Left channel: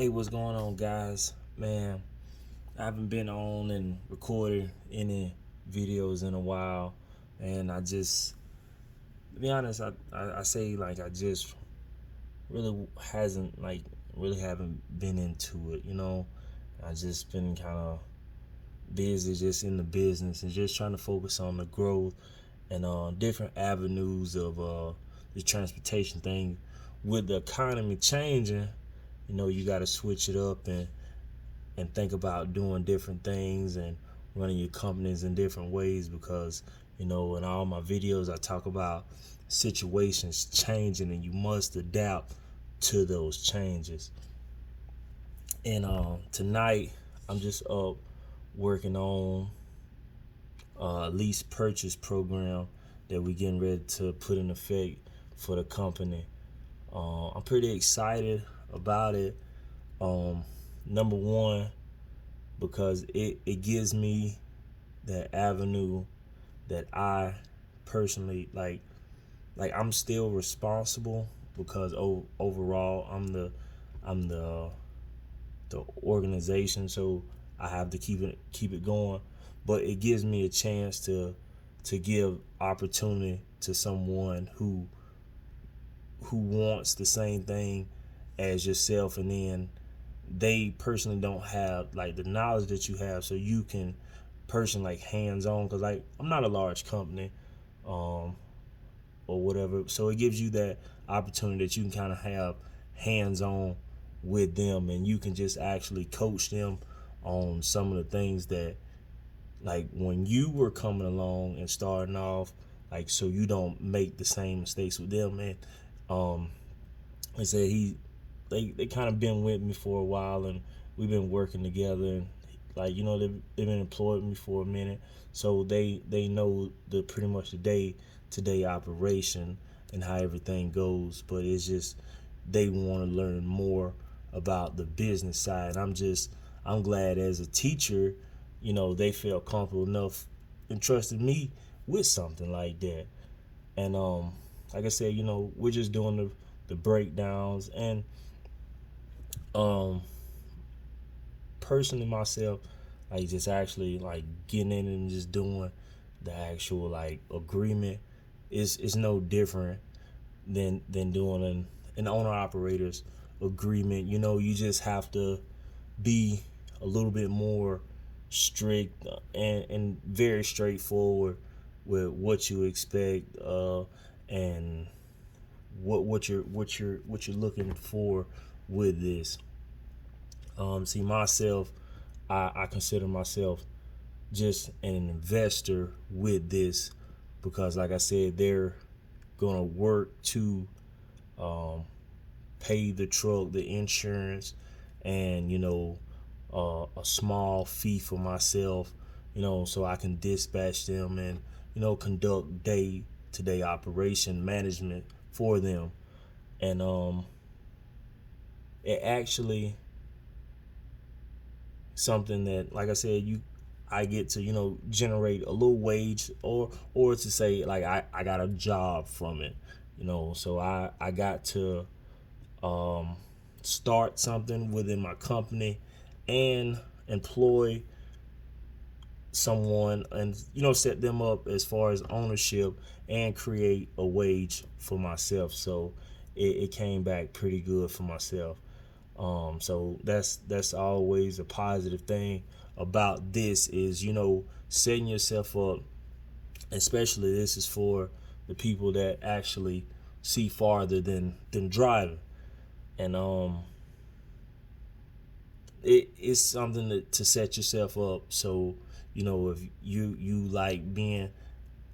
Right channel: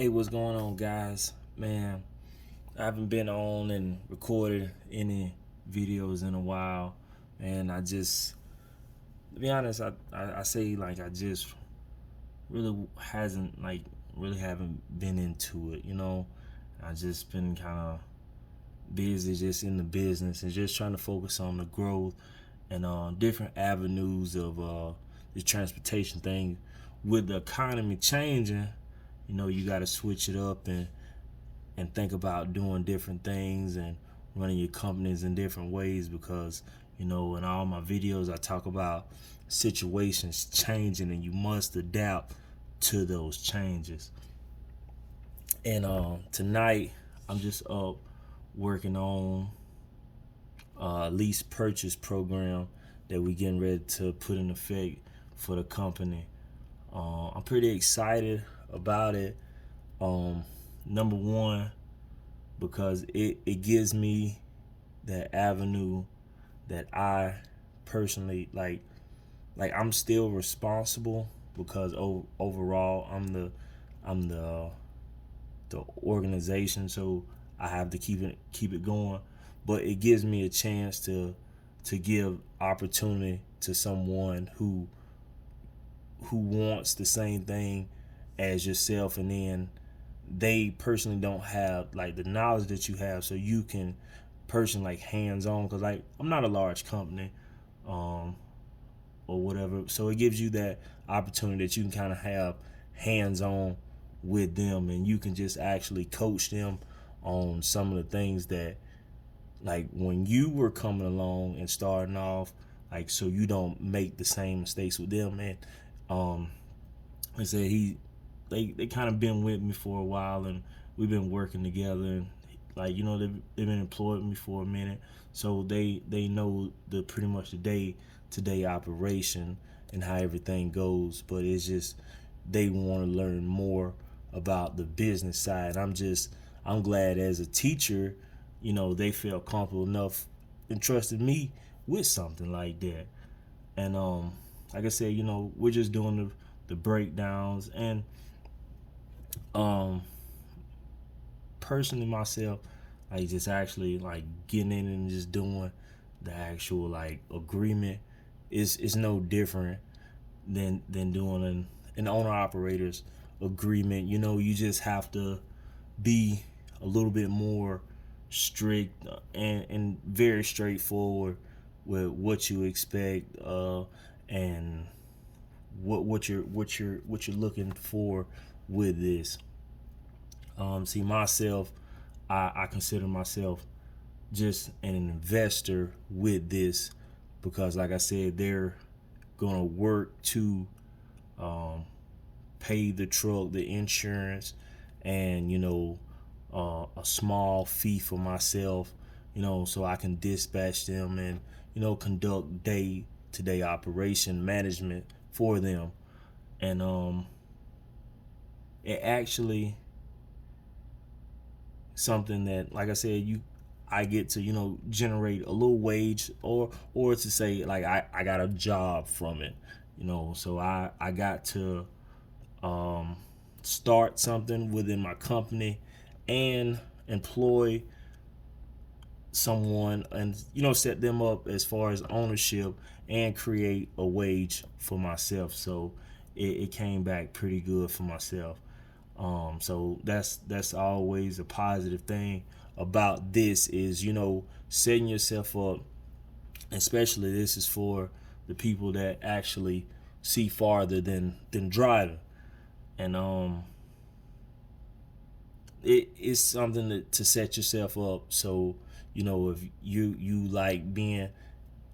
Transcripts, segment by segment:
Hey, what's going on, guys? Man, I haven't been on and recorded any videos in a while, and to be honest, I say like I just really hasn't like really haven't been into it. I just been kind of busy just in the business and just trying to focus on the growth and different avenues of the transportation thing. With the economy changing, you got to switch it up and think about doing different things and running your companies in different ways because in all my videos I talk about situations changing and you must adapt to those changes. And tonight I'm just up working on a lease purchase program that we getting ready to put in effect for the company. I'm pretty excited about it. Number one, because it gives me that avenue that I personally like I'm still responsible because overall I'm the organization, so I have to keep it going, but it gives me a chance to give opportunity to someone who wants the same thing as yourself, and then they personally don't have like the knowledge that you have, so you can personally like hands on, because like I'm not a large company um or whatever, so it gives you that opportunity that you can kind of have hands on with them, and you can just actually coach them on some of the things that like when you were coming along and starting off, like so you don't make the same mistakes with them. And um I said they kind of been with me for a while, and we've been working together, and like they've been employed me for a minute, so they know the pretty much the day to day operation and how everything goes. But it's just they want to learn more about the business side. I'm glad as a teacher, they felt comfortable enough and trusted me with something like that. And like I said, we're just doing the breakdowns. And um personally myself, like just actually like getting in and just doing the actual like agreement is no different than doing an owner operators agreement. You just have to be a little bit more strict and very straightforward with what you expect, and what you're looking for with this. See, myself, I consider myself just an investor with this because, like I said, they're gonna work to um, pay the truck, the insurance, and a small fee for myself, so I can dispatch them and conduct day to day operation management for them. And it actually something that, like I said, I get to generate a little wage, or to say like I got a job from it, so I got to um, start something within my company and employ someone, and set them up as far as ownership and create a wage for myself. So it came back pretty good for myself. So that's always a positive thing about this is setting yourself up. Especially this is for the people that actually see farther than driving. And it's something to set yourself up, so if you like being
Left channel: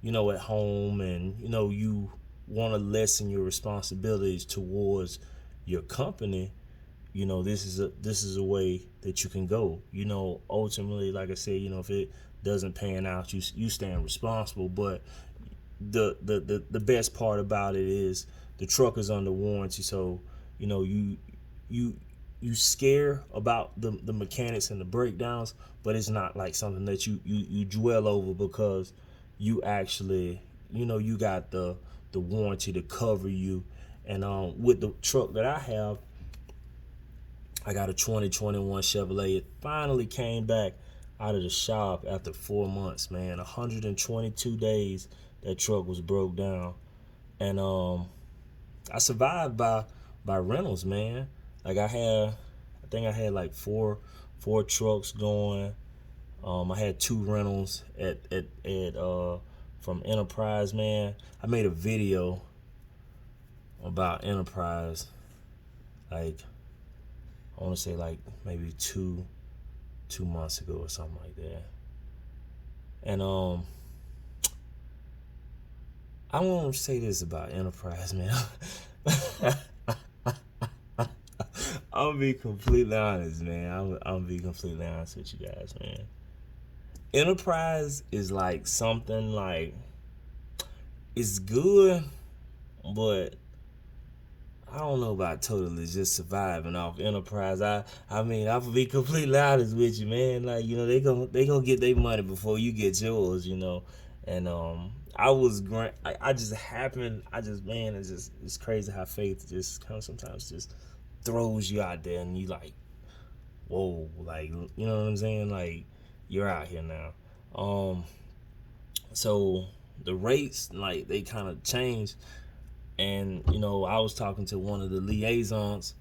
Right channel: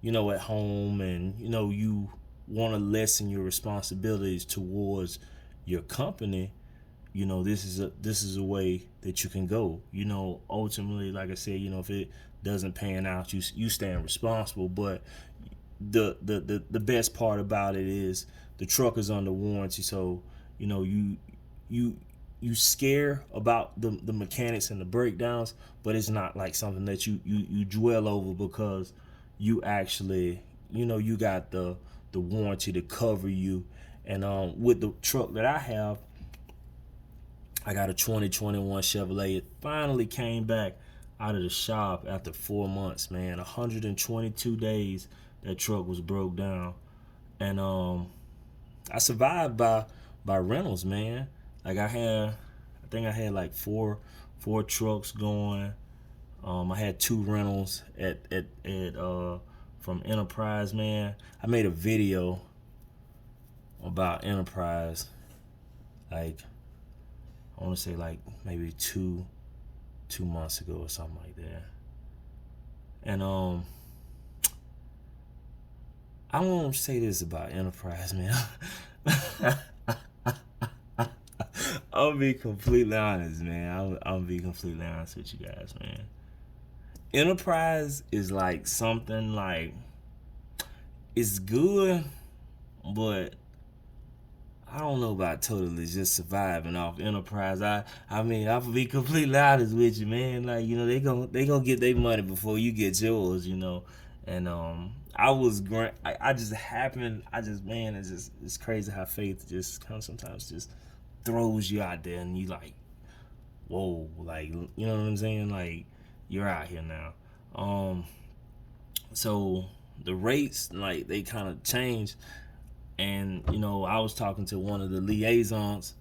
at home, and you want to lessen your responsibilities towards your company, this is a way that you can go. Ultimately, like I said, if it doesn't pan out, you stand responsible. But the best part about it is the truck is under warranty, so you you scare about the mechanics and the breakdowns, but it's not like something that you dwell over, because you actually you got the warranty to cover you. And with the truck that I have, I got a 2021 Chevrolet. It finally came back out of the shop after 4 months, man. 122 days that truck was broke down. And I survived by rentals, man. Like I think I had like four trucks going. I had 2 rentals at from Enterprise, man. I made a video about Enterprise, like I want to say like maybe 2 months ago or something like that. And I want to say this about Enterprise, man. I'll be completely honest, man. I'll be completely honest with you guys, man. Enterprise is like something like, it's good, but I don't know about totally just surviving off Enterprise. I mean, I'll be completely honest with you, man. Like, you know, they gonna get their money before you get yours, you know. And I just happened. Man, it's crazy how faith just kind of sometimes just throws you out there, and you like, whoa, like, you know what I'm saying? Like, you're out here now. So the rates, like, they kind of changed. And, you know, I was talking to one of the liaisons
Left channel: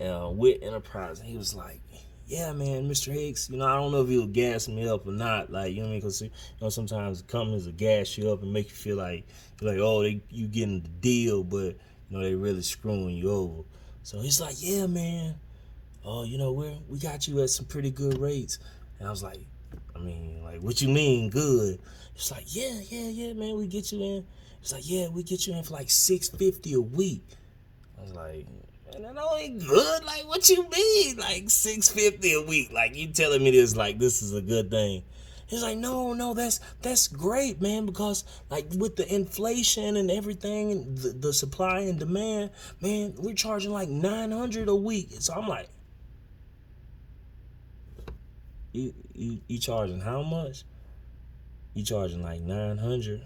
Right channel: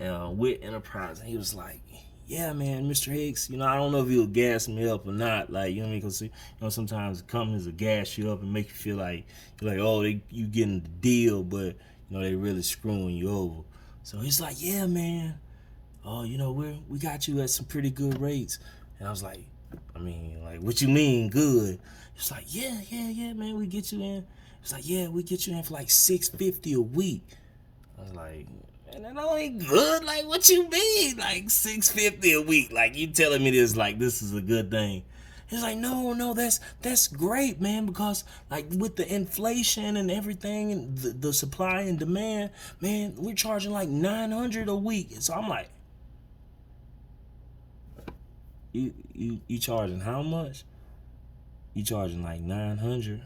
with Enterprise, and he was like, yeah, man, Mr. Hicks, you know, I don't know if he'll gas me up or not. Like, you know what I mean? Because, you know, sometimes companies will gas you up and make you feel like, you're like, oh, you getting the deal, but, you know, they really screwing you over. So he's like, yeah, man, you know, we got you at some pretty good rates. And I was like, I mean, like, what you mean good? He's like, yeah, man, we get you in. It's like, yeah, we get you in for like $650 a week. I was like, man, that only good. Like, what you mean? Like $650 a week? Like, you telling me this like this is a good thing? He's like, no, that's great, man, because like with the inflation and everything, the supply and demand, man, we're charging like $900 a week. So I'm like, you charging how much? You charging like 900?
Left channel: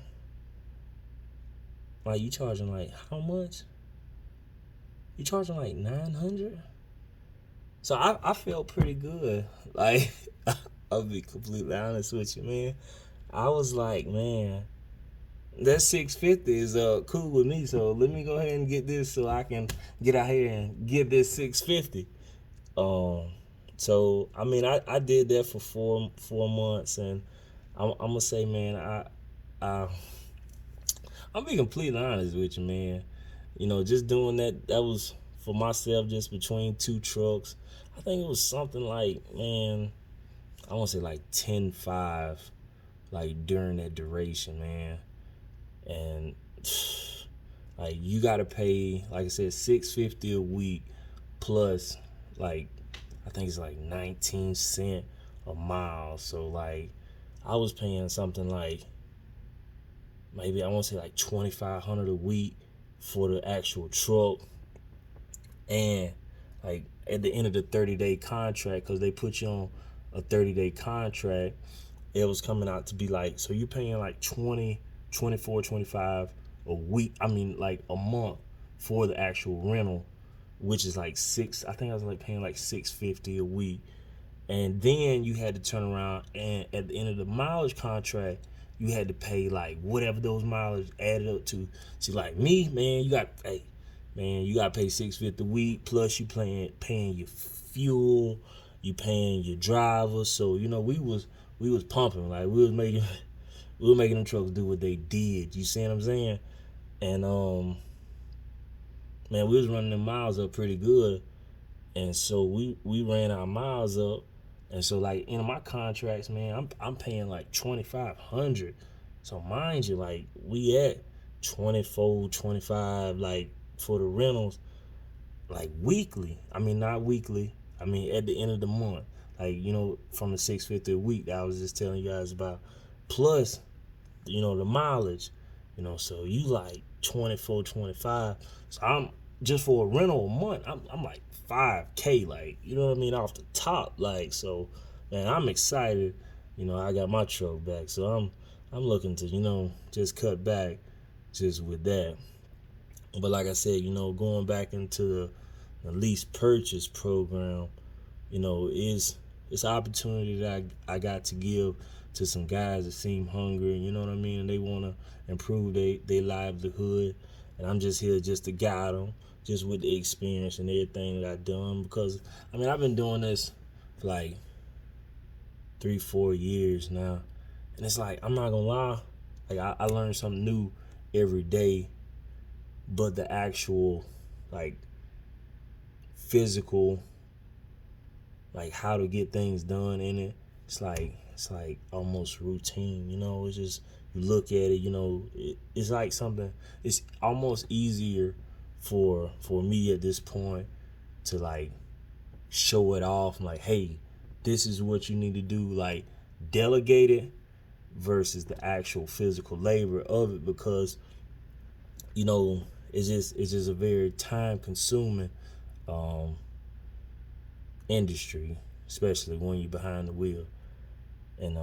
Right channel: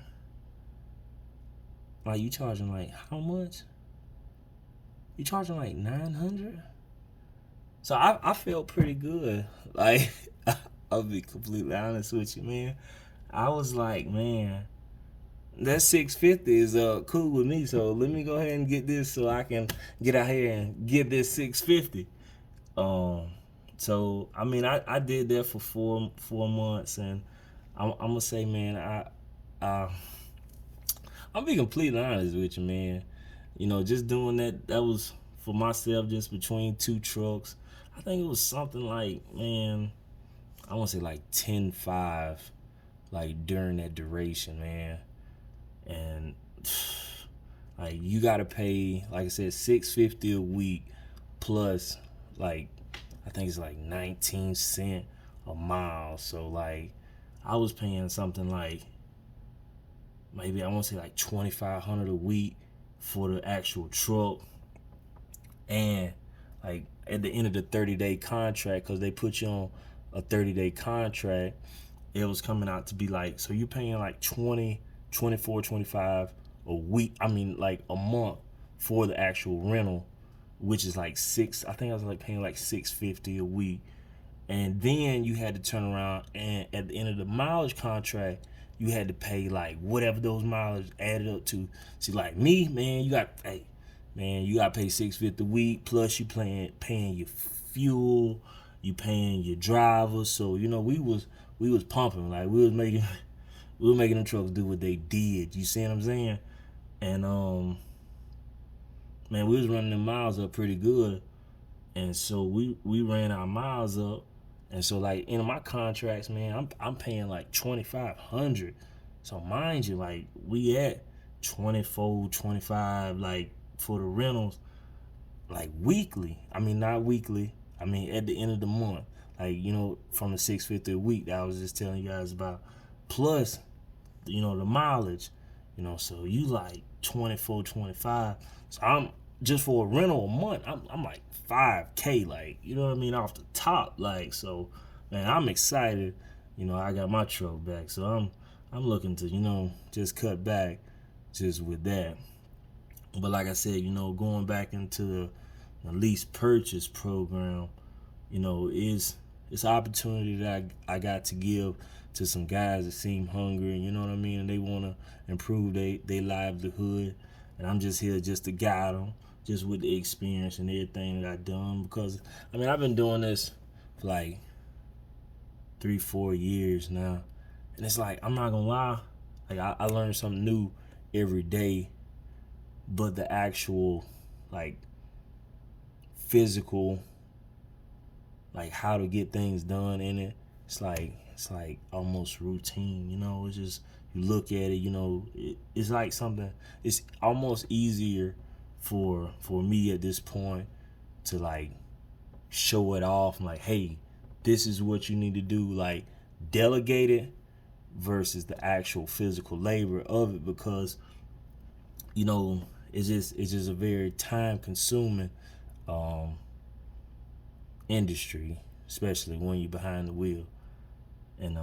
Like, you charging like how much? You charging like 900? So I felt pretty good. Like, I'll be completely honest with you, man. I was like, man, that 650 is cool with me. So let me go ahead and get this so I can get out here and get this 650. So I mean, I did that for four months, and I'm gonna say, man, I'll be completely honest with you, man. You know, just doing that was for myself, just between 2 trucks. I think it was something like, man, I want to say like 10.5, like during that duration, man. And like, you gotta pay, like I said, $650 a week plus, like, I think it's like 19 cents a mile. So like, I was paying something like, maybe I want to say like $2,500 a week for the actual truck. And like at the end of the 30-day contract, because they put you on a 30-day contract, it was coming out to be like, so you paying like 20, 24, 25 a week. I mean, like a month for the actual rental, which is like I think I was like paying like $650 a week. And then you had to turn around and at the end of the mileage contract, you had to pay like whatever those mileage added up to. See, like me, man, you got to pay $650 a week, plus you paying your fuel, you paying your drivers. So, you know, we was pumping, like we were making the trucks do what they did. You see what I'm saying? And man, we was running the miles up pretty good. And so we ran our miles up. And so, like, in my contracts, man, I'm paying like $2,500. So mind you, like, we at 24, 25, like, for the rentals, like, weekly. I mean, not weekly. I mean, at the end of the month, like, you know, from the $650 a week that I was just telling you guys about, plus, you know, the mileage, you know. So you like 24, 25. So I'm just for a rental a month, I'm like $5K, like, you know what I mean, off the top. Like, so man, I'm excited. You know, I got my truck back, so I'm looking to, you know, just cut back just with that. But like I said, you know, going back into the lease purchase program, it's an opportunity that I got to give to some guys that seem hungry, you know what I mean, and they want to improve their livelihood, and I'm just here just to guide them, just with the experience and everything that I've done. Because I mean, I've been doing this for like 3-4 years now, and it's like, I'm not gonna lie, like I learn something new every day, but the actual like physical, like how to get things done in it, it's like almost routine, it's just, you look at it, it's like something, it's almost easier for me at this point to like show it off, like, hey, this is what you need to do, like delegate it versus the actual physical labor of it. Because it's just a very time consuming industry, especially when you're behind the wheel. And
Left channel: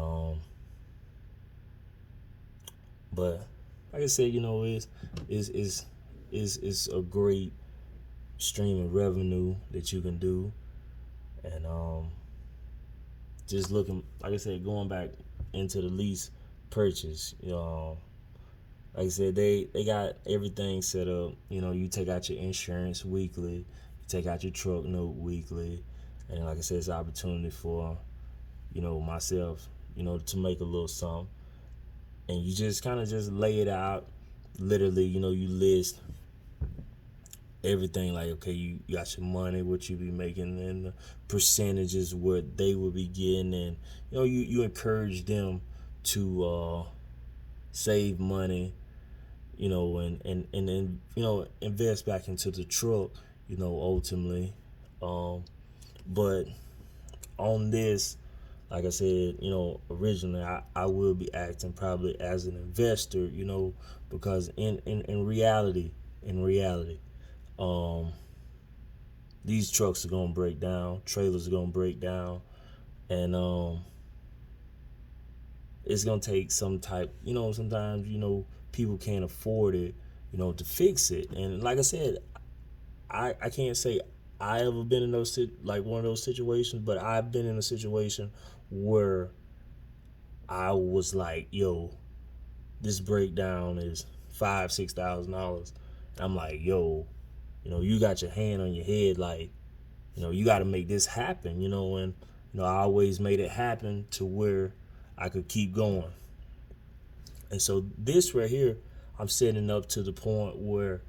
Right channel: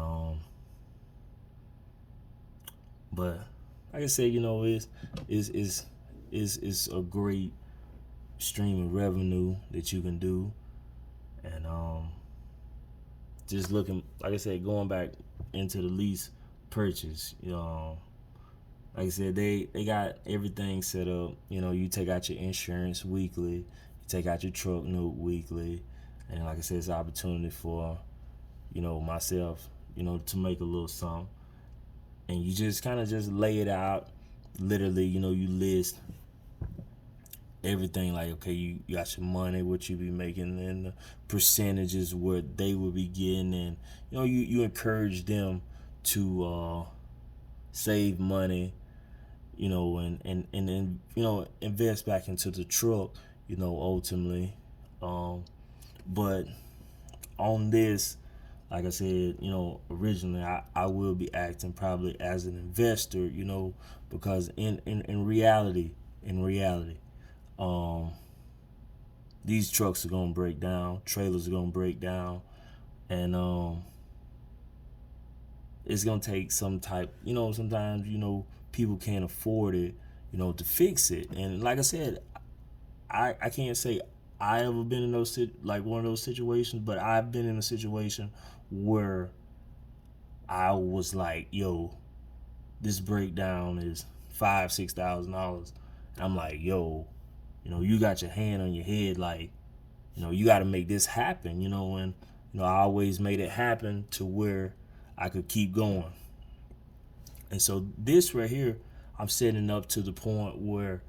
but like I said, it's a great stream of revenue that you can do. And just looking, like I said, going back into the lease purchase, like I said, they got everything set up. You take out your insurance weekly, you take out your truck note weekly, and like I said, it's an opportunity for myself, to make a little something. And you just kind of just lay it out. Literally, you list everything, like, okay, you got your money, what you be making, and the percentages what they would be getting, and you encourage them to save money, and then invest back into the truck, ultimately. But on this, like I said, originally I will be acting probably as an investor, because in reality, um, these trucks are gonna break down, trailers are gonna break down, and it's gonna take some type, sometimes people can't afford it, to fix it. And like I said, I can't say I ever been in like one of those situations, but I've been in a situation where I was like, yo, this breakdown is $5,000-$6,000. I'm like, yo, you got your hand on your head, like, you got to make this happen, and I always made it happen to where I could keep going. And so this right here, I'm setting up to the point where,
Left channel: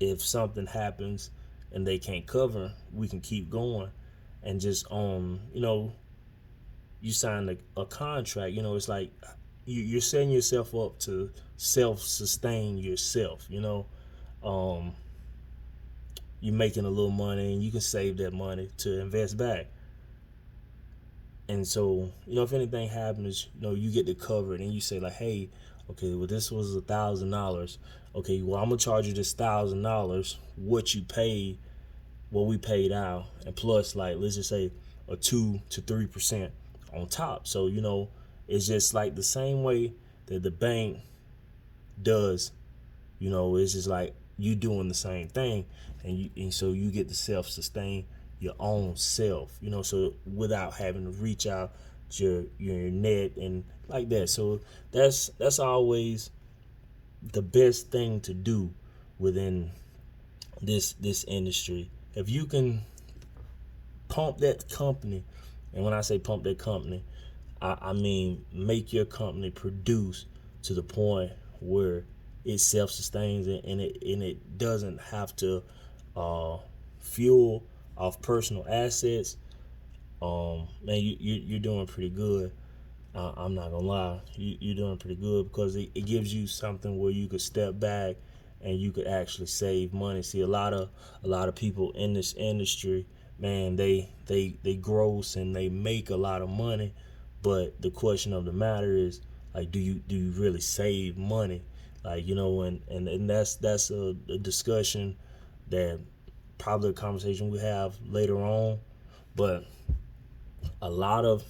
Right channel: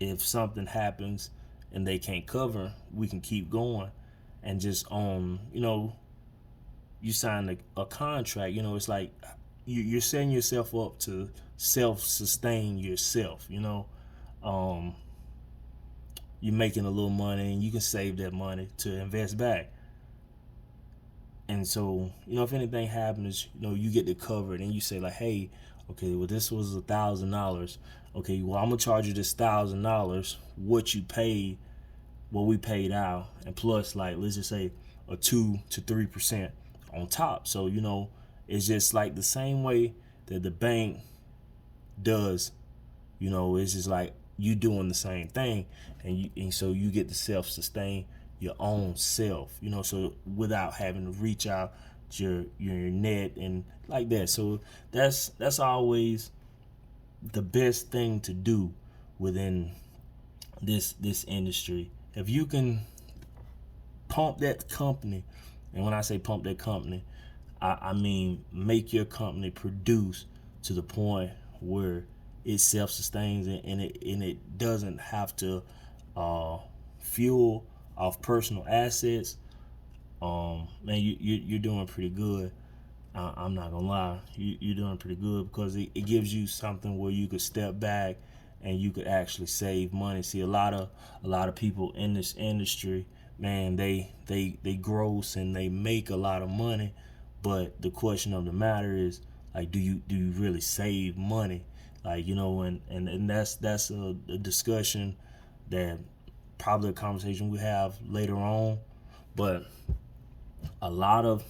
if something happens and they can't cover, we can keep going. And just you sign a contract, it's like you're setting yourself up to self-sustain yourself, you're making a little money and you can save that money to invest back. And so, if anything happens, you get to cover it, and you say like, hey, okay, well, this was $1,000. Okay, well, I'm gonna charge you this $1,000, what you paid, what we paid out, and plus, like, let's just say a 2 to 3% on top. So, it's just like the same way that the bank does, it's just like you doing the same thing, and so you get to self-sustain your own self, so without having to reach out your net and like that. So that's always the best thing to do within this industry. If you can pump that company, and when I say pump that company, I mean make your company produce to the point where it self-sustains, and it doesn't have to fuel off personal assets. Man, you're doing pretty good. I'm not gonna lie, you're doing pretty good, because it gives you something where you could step back and you could actually save money. See, a lot of people in this industry, man, they gross and they make a lot of money, but the question of the matter is, like, do you really save money? Like, and that's a discussion that probably a conversation we have later on. But a lot of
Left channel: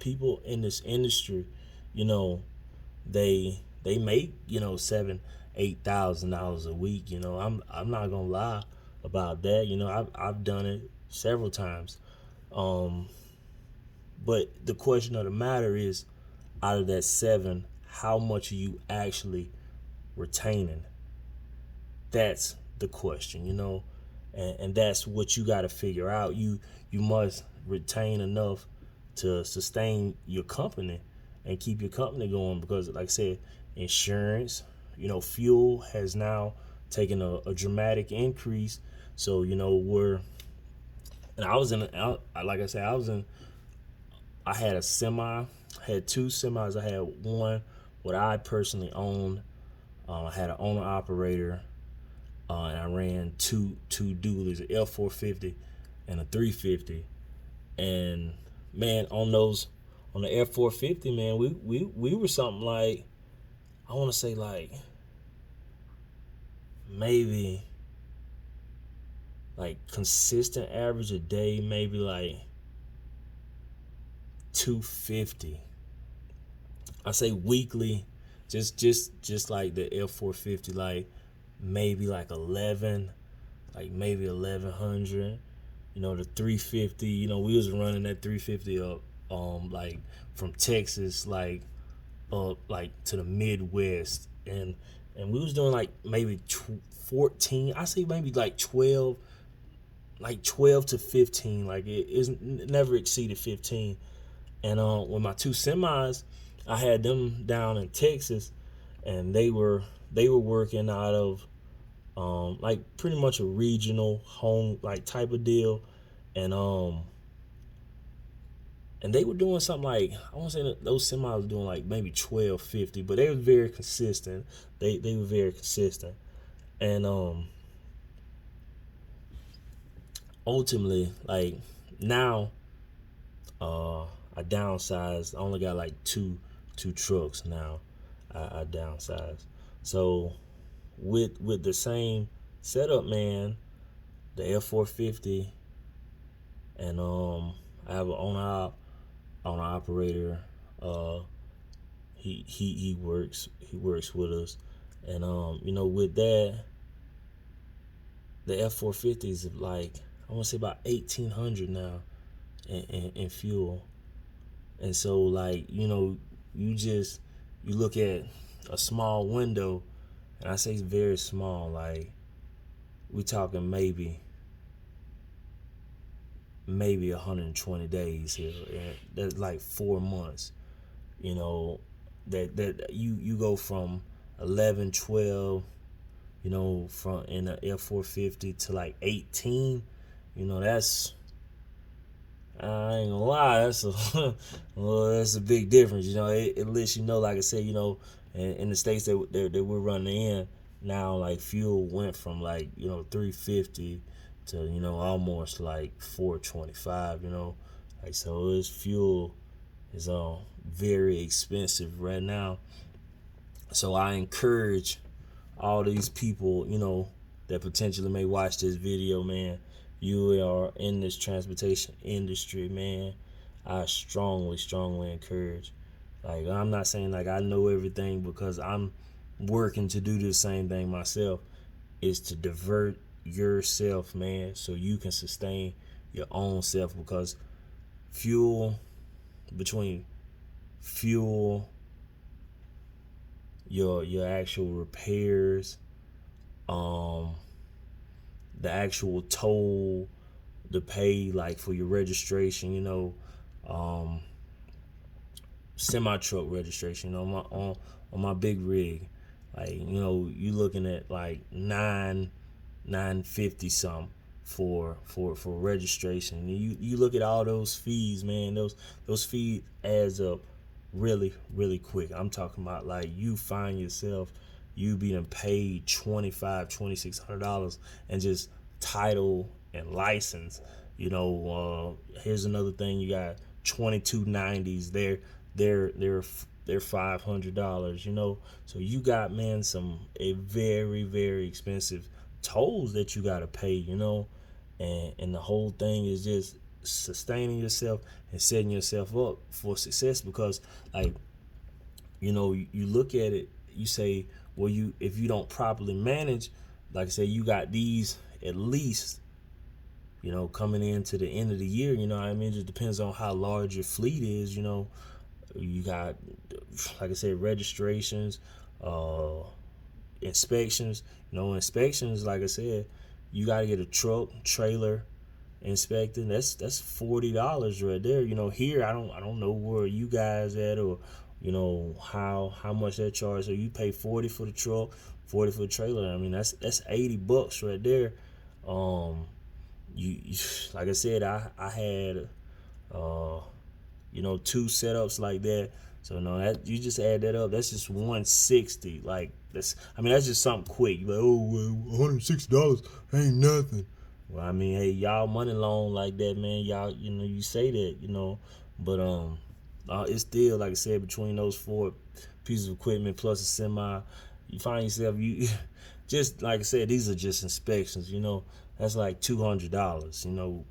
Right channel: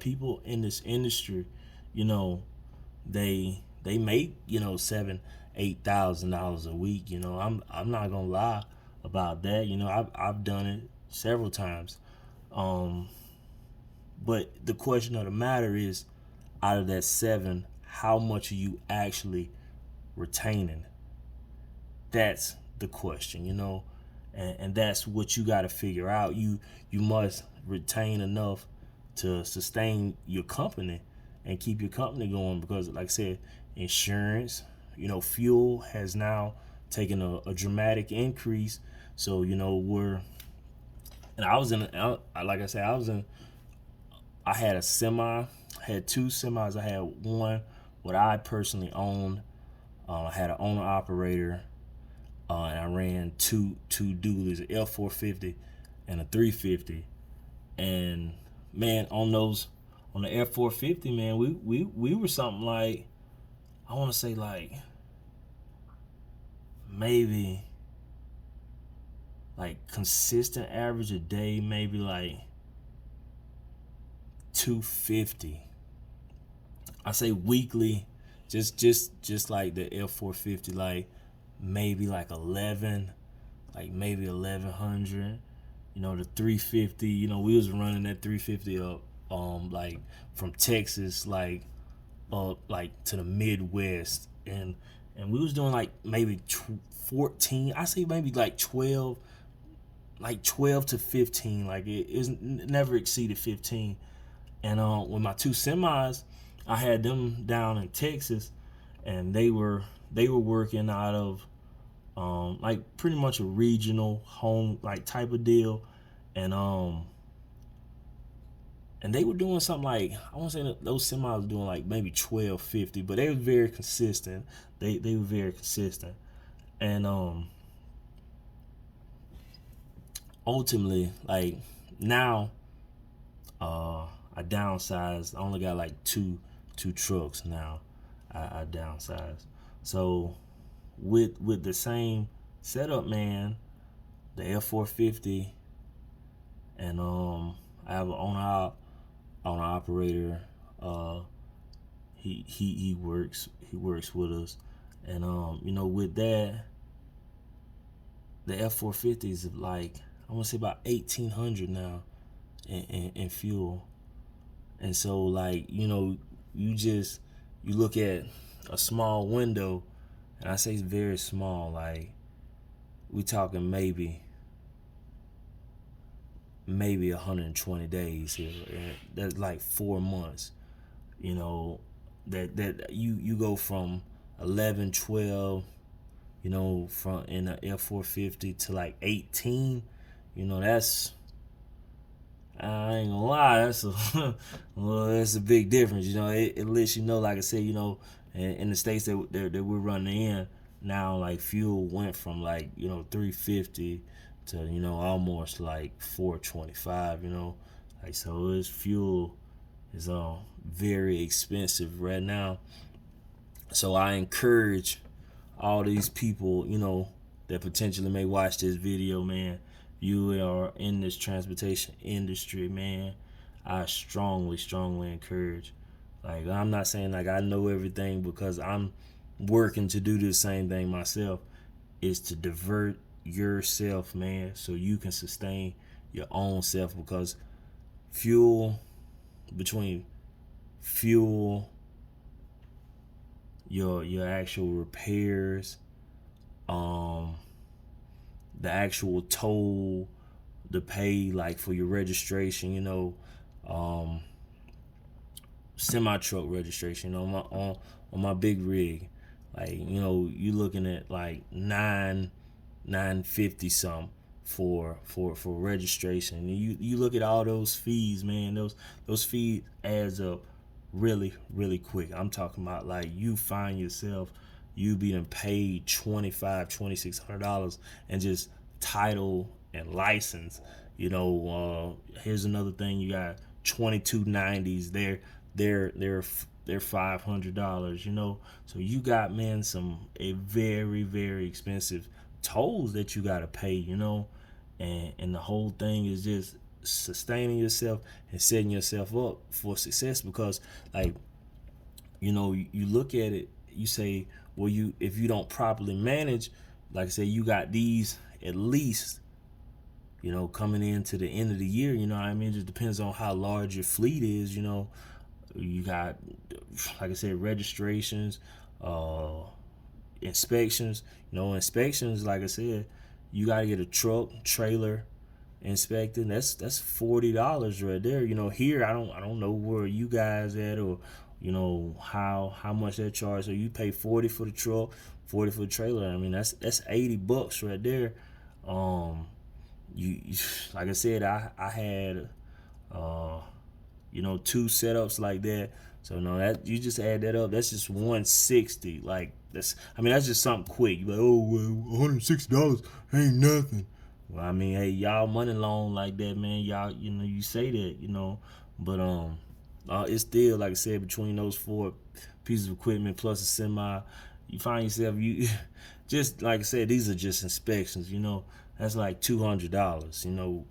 people in this industry, they make $7,000-$8,000 a week. I'm not gonna lie about that. I've done it several times. But the question of the matter is, out of that 7, how much are you actually retaining? That's the question, and that's what you got to figure out. You must retain enough to sustain your company and keep your company going, because, like I said, insurance, fuel has now taken a dramatic increase. So and I was like I said, I had a semi, had 2 semis. I had one what I personally owned. I had an owner operator, and I ran two dualies, an F450 and a 350. And man, on the F450, man, we were something like, I want to say like maybe like consistent average a day, maybe like 250. I say weekly, just like the F450, like maybe like 11, like maybe 1100. The 350, we was running that 350 up, like from Texas, like up like to the Midwest, and we was doing like maybe 14. I say maybe like 12, like 12 to 15. Like it never exceeded 15. And with my 2 semis, I had them down in Texas, and they were working out of like pretty much a regional home like type of deal, and they were doing something like, I want to say that those semis were doing like maybe 1250, but they were very consistent. They were very consistent, and ultimately, like now, I downsized. I only got like two trucks now. I downsized. So with the same setup, man, the F450, and I have an owner operator. He works with us, and with that, the F450 is like, I want to say about 1,800 now in fuel. And so, like, you look at a small window, and I say it's very small. Like, we talking maybe 120 days here, and that's like 4 months. That you go from 11, 12, from in the F450 to like 18. That's, I ain't gonna lie, that's a big difference. It lets you know, like I said, in the states that we're running in now, like fuel went from like 350 to almost like 425. Like, so this fuel is very expensive right now. So I encourage all these people, that potentially may watch this video, man. You are in this transportation industry, man. I strongly encourage. Like, I'm not saying like I know everything, because I'm working to do the same thing myself. Is to divert yourself, man, so you can sustain your own self, because between fuel, your actual repairs, the actual toll, the pay like for your registration, semi truck registration on my big rig, like you looking at like 950 something for registration. You look at all those fees, man. Those fees adds up really quick. I'm talking about like you find yourself being paid $2,600 and just title and license. Here's another thing. You got 2290s. They're $500. So you got, man, a very expensive tolls that you gotta pay. And the whole thing is just sustaining yourself and setting yourself up for success, because like you look at it, you say, well, if you don't properly manage, like I say, you got these at least coming into the end of the year, what I mean? It just depends on how large your fleet is. You got, like I said, registrations, uh, inspections. Inspections, like I said, you got to get a truck, trailer inspected. That's $40 right there. Here I don't know where you guys at, or how much that charge. So you pay 40 for the truck, 40 for the trailer. I mean that's $80 right there. Um, you like I said, I had two setups like that. So no, that you just add that up. That's just 160. Like that's just something quick. You like, oh well, $160 ain't nothing. Well, I mean, hey, y'all money long like that, man. Y'all, you say that, but it's still, like I said, between those four pieces of equipment plus a semi, you find yourself just like I said, these are just inspections. That's like $200.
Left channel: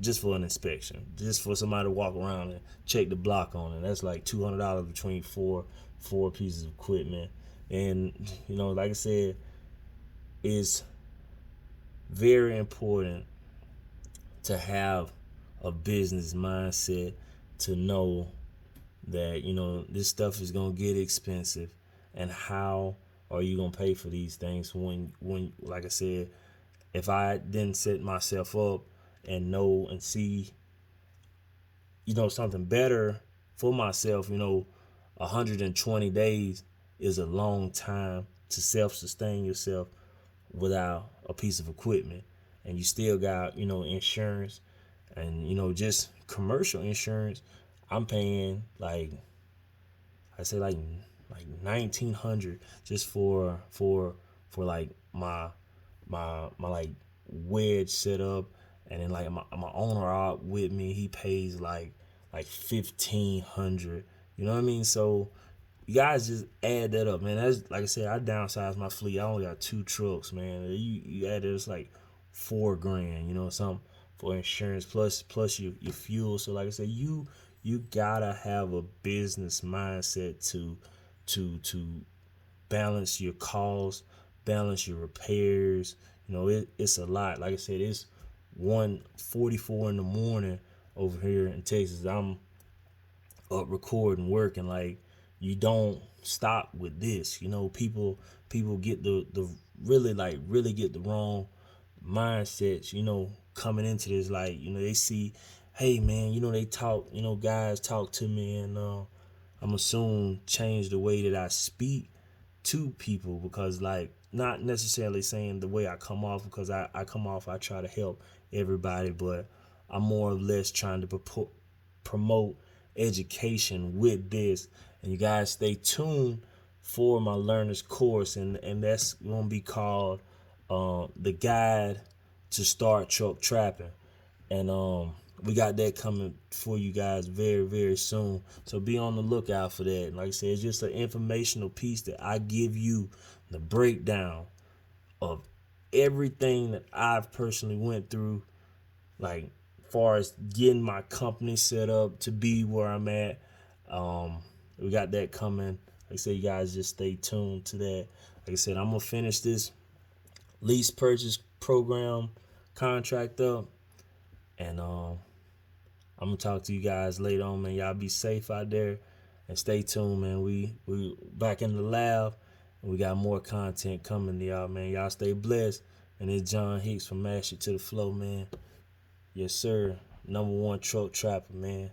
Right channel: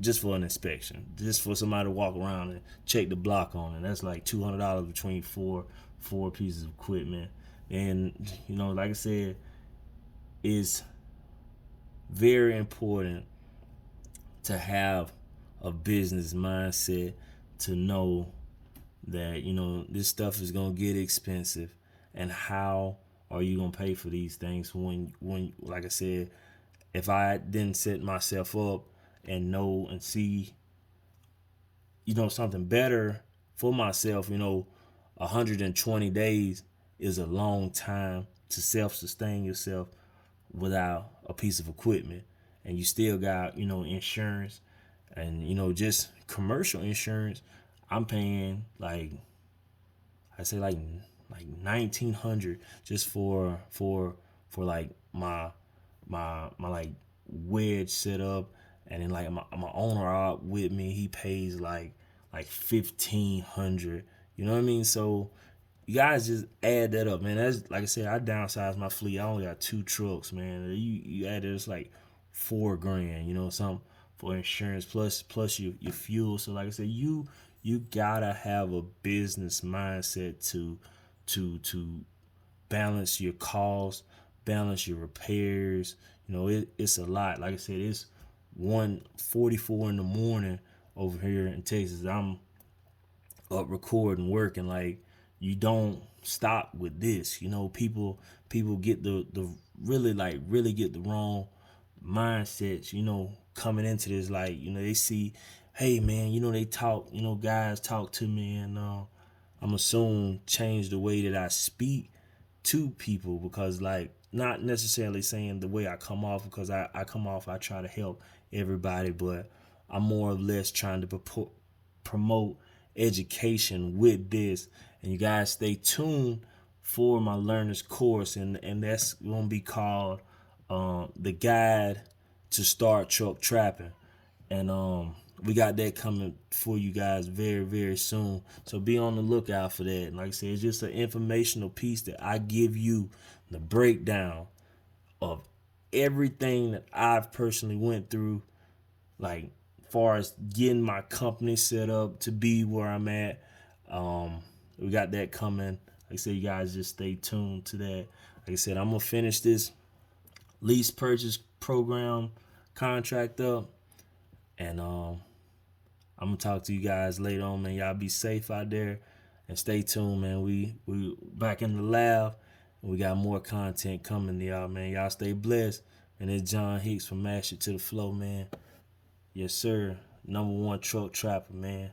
Just for an inspection, just for somebody to walk around and check the block on it. That's like $200 between four pieces of equipment. And like I said, it's very important to have a business mindset, to know that this stuff is gonna get expensive, and how are you gonna pay for these things when like I said, if I didn't set myself up and know and see something better for myself, 120 days is a long time to self-sustain yourself without a piece of equipment. And you still got insurance, and just commercial insurance. I'm paying like I say like 1,900 just for like my like wedge setup. And then like my owner out with me, he pays like 1,500. You know what I mean? So you guys just add that up, man. That's like I said, I downsized my fleet. I only got 2 trucks, man. You add it, it's like $4,000, something for insurance plus your fuel. So like I said, you gotta have a business mindset to balance your costs, balance your repairs. It's a lot. Like I said, it's 1:44 in the morning over here in Texas. I'm up recording, working. Like, you don't stop with this. People get the really get the wrong mindsets, coming into this. Like, they see, hey man, they talk, guys talk to me, and I'm assuming change the way that I speak to people, because like, not necessarily saying the way I come off, because I come off, I try to help everybody, but I'm more or less trying to promote education with this. And you guys stay tuned for my learners course, and that's gonna be called the guide to start truck trapping. And we got that coming for you guys very, very soon. So be on the lookout for that. And like I said, it's just an informational piece that I give you, the breakdown of everything that I've personally went through, like far as getting my company set up to be where I'm at. We got that coming. Like I said, you guys just stay tuned to that. Like I said, I'm gonna finish this lease purchase program contract up, and I'm gonna talk to you guys later on, man. Y'all be safe out there and stay tuned, man. We back in the lab, and we got more content coming to y'all, man. Y'all stay blessed. And it's John Hicks from Mash It to the Flow, man. Yes, sir. #1 truck trapper, man.